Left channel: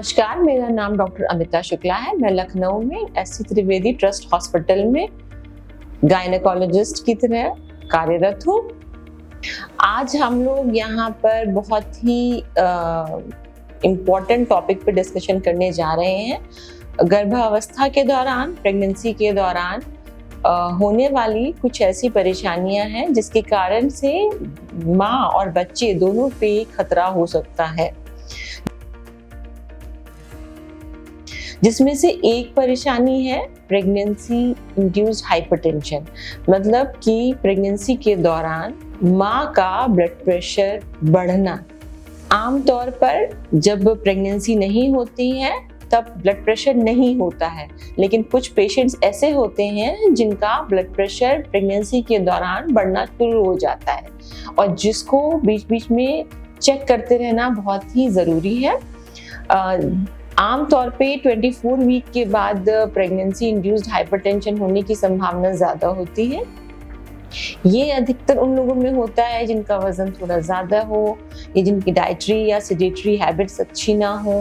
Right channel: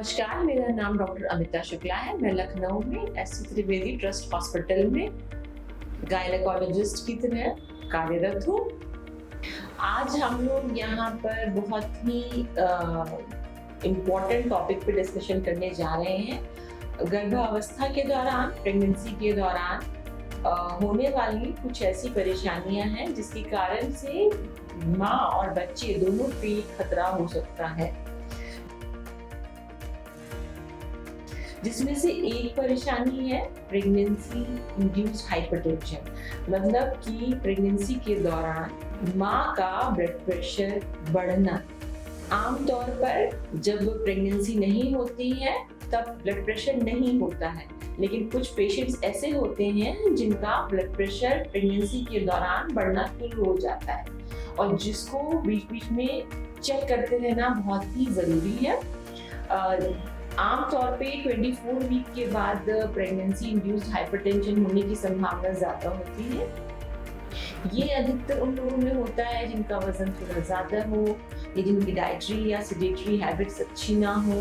नमस्कार, मेरा नाम डॉक्टर अमिता शुक्ला है। मैं लखनऊ में एससी त्रिवेदी ट्रस्ट हॉस्पिटल में गायनेकोलॉजिस्ट की तरह कार्यरत हूँ। आज हम लोग यहाँ पर बहुत ही इम्पोर्टेंट टॉपिक पे डिस्कशन करने जा रहे हैं। गर्भावस्था के दौरान, प्रेगनेंसी के दौरान होने वाली कुछ ऐसी परेशानियां हैं जिसके कारण से माँ और बच्चे दोनों पे खतरा हो सकता है। जिसमें से एक परेशानी है प्रेगनेंसी इंड्यूस्ड हाइपरटेंशन, मतलब कि प्रेगनेंसी के दौरान माँ का ब्लड प्रेशर बढ़ना। आमतौर पर जब प्रेगनेंसी नहीं होती है तब ब्लड प्रेशर नहीं होता है, लेकिन कुछ पेशेंट्स ऐसे होते हैं जिनका ब्लड प्रेशर प्रेगनेंसी के दौरान बढ़ना शुरू हो जाता है और जिसको बीच बीच में चेक करते रहना बहुत ही ज़रूरी है। आमतौर पे 24 वीक के बाद प्रेगनेंसी इंड्यूस्ड हाइपरटेंशन होने की संभावना ज़्यादा होती है। ये अधिकतर उन लोगों में होता है जिनका वजन थोड़ा ज़्यादा हो या जिनकी डाइटरी या सेडेटरी हैबिट्स अच्छी ना हो।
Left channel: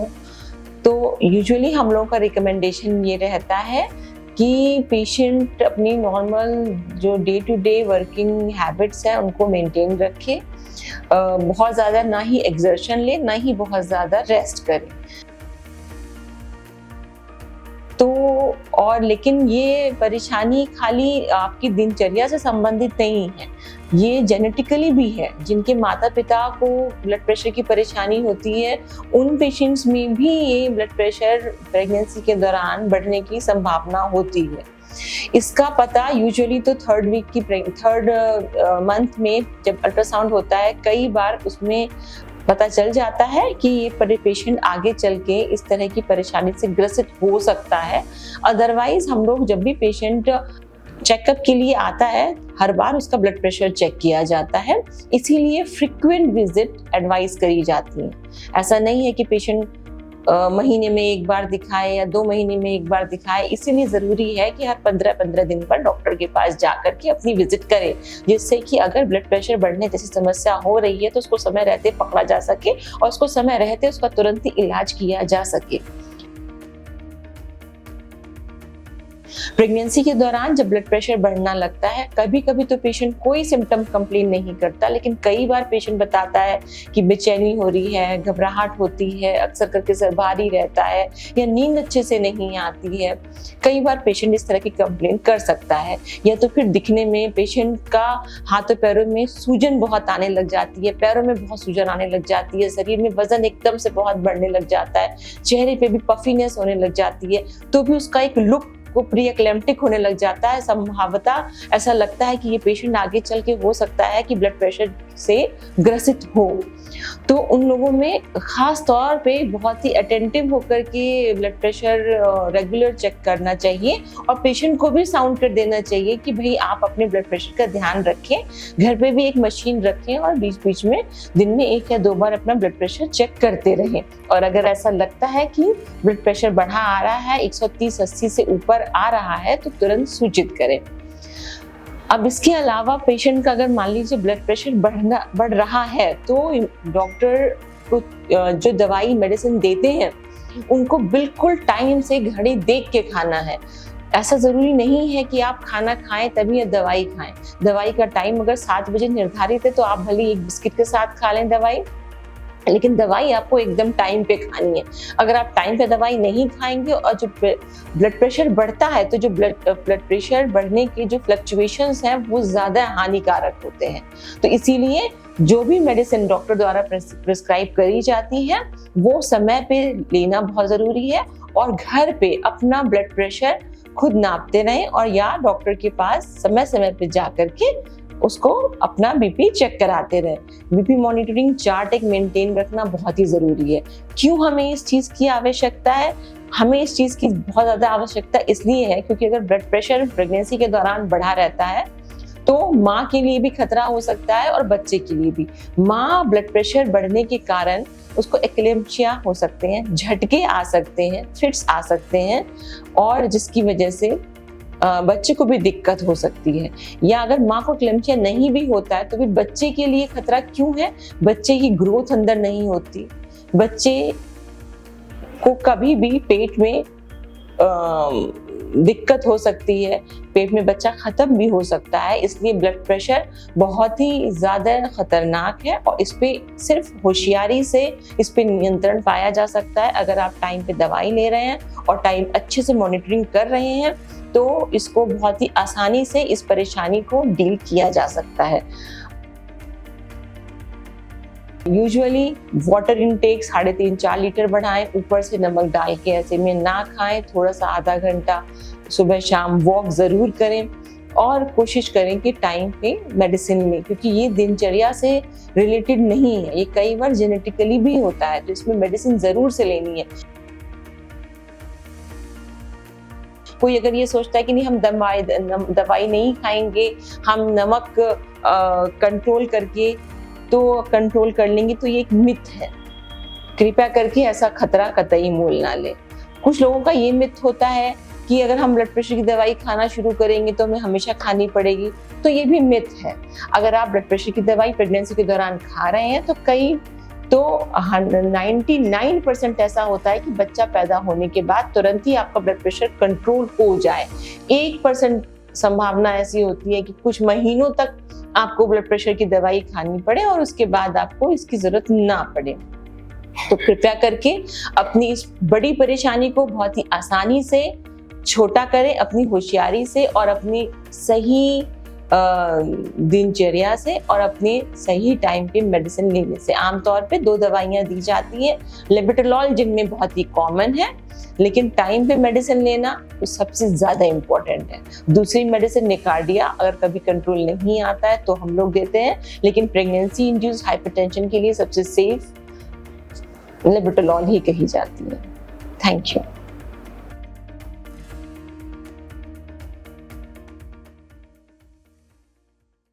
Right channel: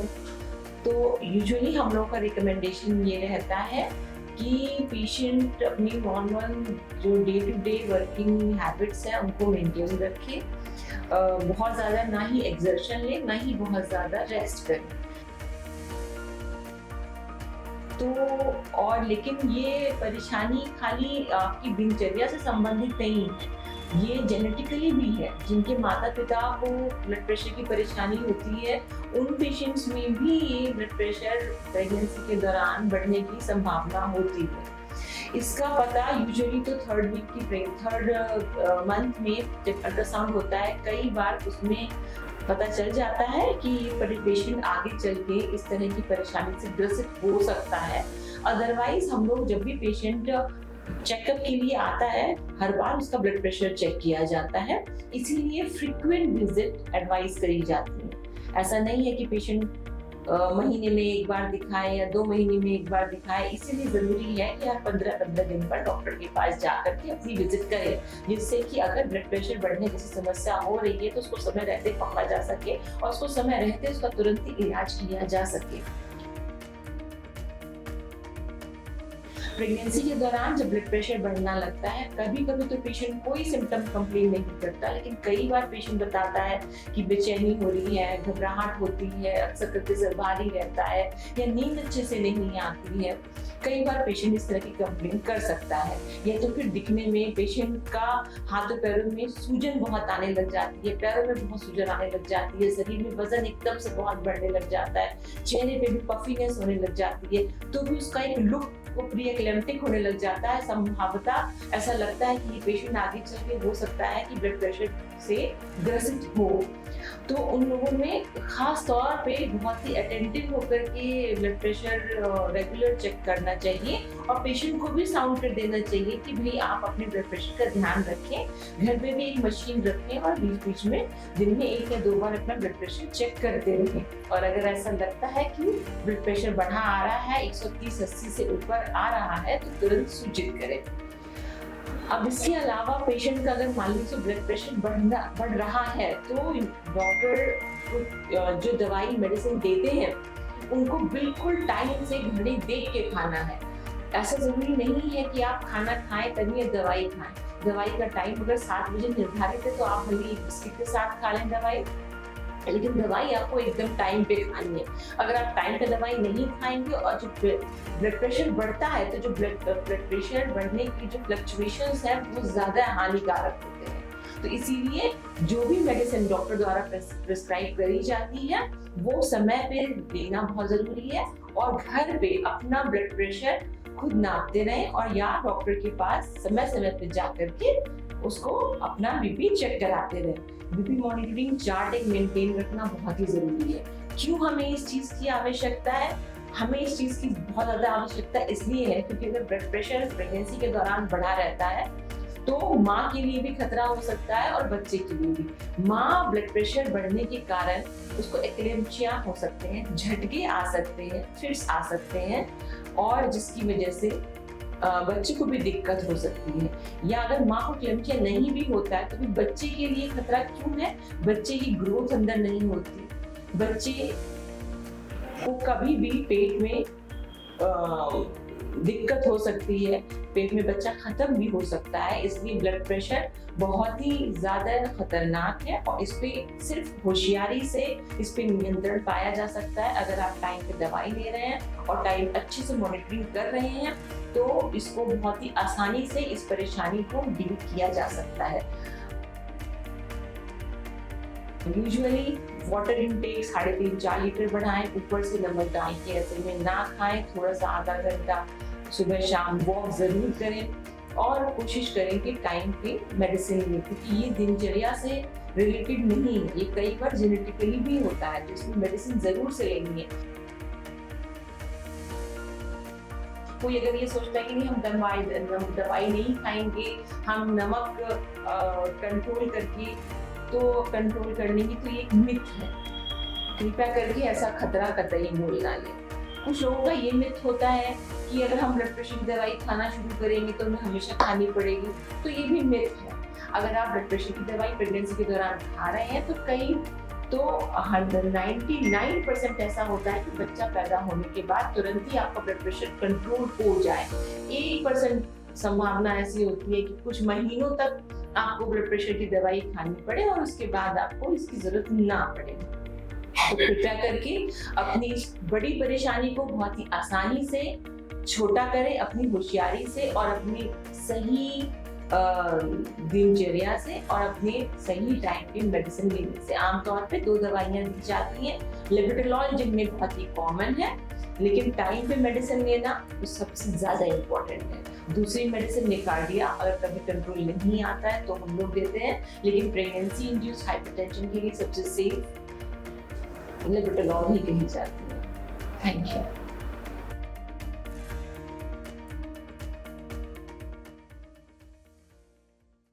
तो यूजुअली हम लोगों का रिकमेंडेशन ये रहता है कि पेशेंट अपनी नॉर्मल जो day to day working habits हैं उनको मेंटेन रखे, बहुत ज़्यादा ना ही एक्सर्शन ले, ना ही बहुत ज़्यादा रेस्ट करे। तो और लेकिन ये परेशानी खाली आपकी दिनचर्या से संबंधित नहीं है, ये जेनेटिकली भी है। जिनके माता पिता को ब्लड प्रेशर की परेशानी होती है उन पेशेंट्स में भी ये ब्लड प्रेशर प्रेगनेंसी के दौरान बढ़ने की संभावना होती है। इसका पता यूजुअली तो थर्ड मंथ में जब अल्ट्रासाउंड होता है, कई बार उसमें पता चल जाता है कि ये पेशेंट आगे चल के इस तरह की परेशानी से ग्रसित हो सकता है। अदरवाइज हम लोग जब भी पेशेंट चेकअप के लिए आता है हर बार उसका ब्लड प्रेशर चेक किया जाता है, इसीलिए फ्रीक्वेंट विजिट एडवाइस करी जाती है। ऐसा नहीं है कि पेशेंट महीने में एक बार दिखाए या 2 महीने में एक बार दिखाए, इसीलिए ज़रूरी है कि हर 15-15 दिन पर डॉक्टर के पास जाकर के अपनी विजिट करें, जिससे कि अगर ब्लड प्रेशर बढ़ने जैसी समस्या हो रही है तो उसको समय रहते पकड़ा जा सके और उसको समय रहते उसका तुरंत ही इलाज किया जा सके। प्रेगनेंसी के दौरान जब ब्लड प्रेशर बढ़ना लगता है, कभी कभी तो पेशेंट कोई सिम्टम कंप्लेन नहीं करता, लेकिन कई बार पेशेंट बताता है कि बेचैनी हो रही है, घबराहट होती है, अक्सर करके सर भारी रहता है या नींद अच्छे से नहीं आती है। कई बार पेशेंट इस तरह की कंप्लेन कर सकता है। या तो फिर दिखने में पेशेंट का हाथों पैरों में सूजन बहुत आने लग जाती है, पैरों में बहुत सूजन आने लग जाती है, शरीर में वजन एकदम से बहुत बढ़ने लग जाता है, चेहरे पे भी पफीनेस होने लग जाती है, तो भी उसका एक लुक वो प्री एक्लेम्प्टिक होने लग जाता है। संभावतः ऐसा लगता है कि ये पेशेंट आगे चल के हो सकता है कि ब्लड प्रेशर से ग्रसित हो। तो उन लोगों में खास तौर पे बहुत ही अटेंटिव होकर के ब्लड प्रेशर रेगुलर चेक करना चाहिए और पेशेंट को भी साउंड कर देना चाहिए कि भाई आप अपने ब्लड प्रेशर का ध्यान रखें, घर पे भी एक मशीन रखें और बीच बीच में दिन में 1 या 2 बार अपना ब्लड प्रेशर चेक करते रहें। और अगर ऐसा लगता है कि ब्लड प्रेशर बढ़ा आ रहा है, 130-80 से ऊपर आ रहा है, तो तुरंत सूचित करें। अब इसके अलावा पेशेंट का अगर मान लीजिए ब्लड प्रेशर बढ़ रहा है तो डॉक्टर को जो दवाई मेडिसिन देते हैं उनको बिल्कुल टाइम से घड़ी देख के खाना है। ऐसा जरूरी नहीं है कि आप खाना खाएं तभी दवाई खाएं। दवाई का टाइम अगर 7 बजे निर्धारित है तो आप भले एक बिस्किट के साथ खा लें दवाई, लेकिन दवाई आपको एकदम टाइम पे खानी है। अगर आप टाइम पे दवाई नहीं खाएंगे और जो ब्लड प्रेशर बढ़ता है तो जो ब्लड प्रेशर बढ़ने की जो फ्लक्चुएशंस हैं वो ज़्यादा हानिकारक होते हैं। तो इसीलिए जो भी मेडिसिन डॉक्टर द्वारा प्रिस्क्राइब करी जाती है वो समय पे लेना बहुत ज़रूरी है और घर पे अपना ब्लड प्रेशर खुद नापते रहें और या डॉक्टर के पास समय समय पे जा करके उसको अपना बीपी चेक कराते रहे। बीपी मॉनिटरिंग चार्ट एक मेंटेन रखना बहुत ही जरूरी है। क्यों हमें इस चीज की आवश्यकता है? हमें इस चीज की बहुत ज्यादा आवश्यकता इसलिए है क्योंकि अगर ब्लड प्रेशर प्रेगनेंसी के दौरान बढ़ा रहता है तो माँ के लिए भी खतरा हो सकता है और बच्चे के लिए भी। माँ ब्लड प्रेशर बढ़ने के कारण उसको एक्लेम्पशिया हो सकते हैं, झटके आ सकते हैं, फिट्स आ सकते हैं और जिसकी वजह से बच्चे को भी दिक्कत हो सकती है। या अगर माँ को क्लेम्पशिया नहीं भी होता है तो भी बच्चे के लिए खतरा क्यों है? बच्चे की ग्रोथ अंदर नहीं होती, बच्चे को कभी भी पेट में दिक्कत हो सकती है, पेट में बच्चा खत्म भी हो सकता है। इसलिए ब्लड प्रेशर बहुत ही ज़्यादा खतरनाक है और इस पे सिर्फ होशियारी से इस पे नियंत्रण पाया जा सकता है। अगर आप टाइम पे दवाई ले रहे हैं और टाइम अच्छे से मॉनिटरिंग कर रहे हैं तो इसको बहुत ही आसानी से इस परेशानी को डील किया जा सकता है। यूजुअली वाटर इनटेक 3.5-4 लीटर बढ़ाएं, ऊपर से नमक डाल के ऐसे में ना खाएं। थोड़ा सा आधा घंटा सुबह शाम वॉक ज़रूर करें और कोशिश करें कि टाइम पे मेडिसिन लें, क्योंकि ये दिनचर्या से रिलेटेड नहीं है, ये कई बार जेनेटिकली भी होता है, तो इसमें मेडिसिन ज़रूर से लेनी है। कोई अगर ये सोचता है कि नहीं हम दवाई नहीं खाएंगे, हम नमक कंट्रोल करके तो कंट्रोल कर लेंगे, तो ये एक मिथ है। कृपया करके ऐसा खतरा कतई मोल ना लें। कुछ लोगों का ये मिथ होता है कि अगर हम ब्लड प्रेशर की दवाई खाना शुरू करेंगे तो हमें हमेशा खानी पड़ेगी, तो ये भी मिथ है। अगर आप ब्लड प्रेशर की दवाई प्रेगनेंसी के दौरान खा रहे हैं तो 99% ऐसा होता है कि बच्चा पैदा होने के बाद तुरंत ही आपका ब्लड प्रेशर कंट्रोल हो जाए। 1% संभावना ऐसी होती है कि कुछ महीनों तक आपको ब्लड प्रेशर की दवाई खानी पड़े और उसके बाद आपको इसकी जरूरत ना पड़े। तो कृपया करके अपनी इस बड़ी परेशानी को बहुत ही आसानी से छोटा करें, अपनी होशियारी से और अपनी सही दिनचर्या से और अपने सही टाइम पे मेडिसिन लेने से। आमतौर पे 2 दवाइयां दी जाती हैं, लेबेटालॉल जिनमें बहुत ही कॉमन है, लेकिन टाइम पे मेडिसिन लेना तो सबसे ज्यादा इम्पोर्टेंट है। दूसरी मेडिसिन निकार्डिया अगर कभी कंट्रोल नहीं आता है तो हम लोग देते हैं, लेकिन प्रेगनेंसी इंड्यूस्ड हाइपरटेंशन के लिए सबसे सेफ लेबेटालॉल ही कही जाती है। Thank you.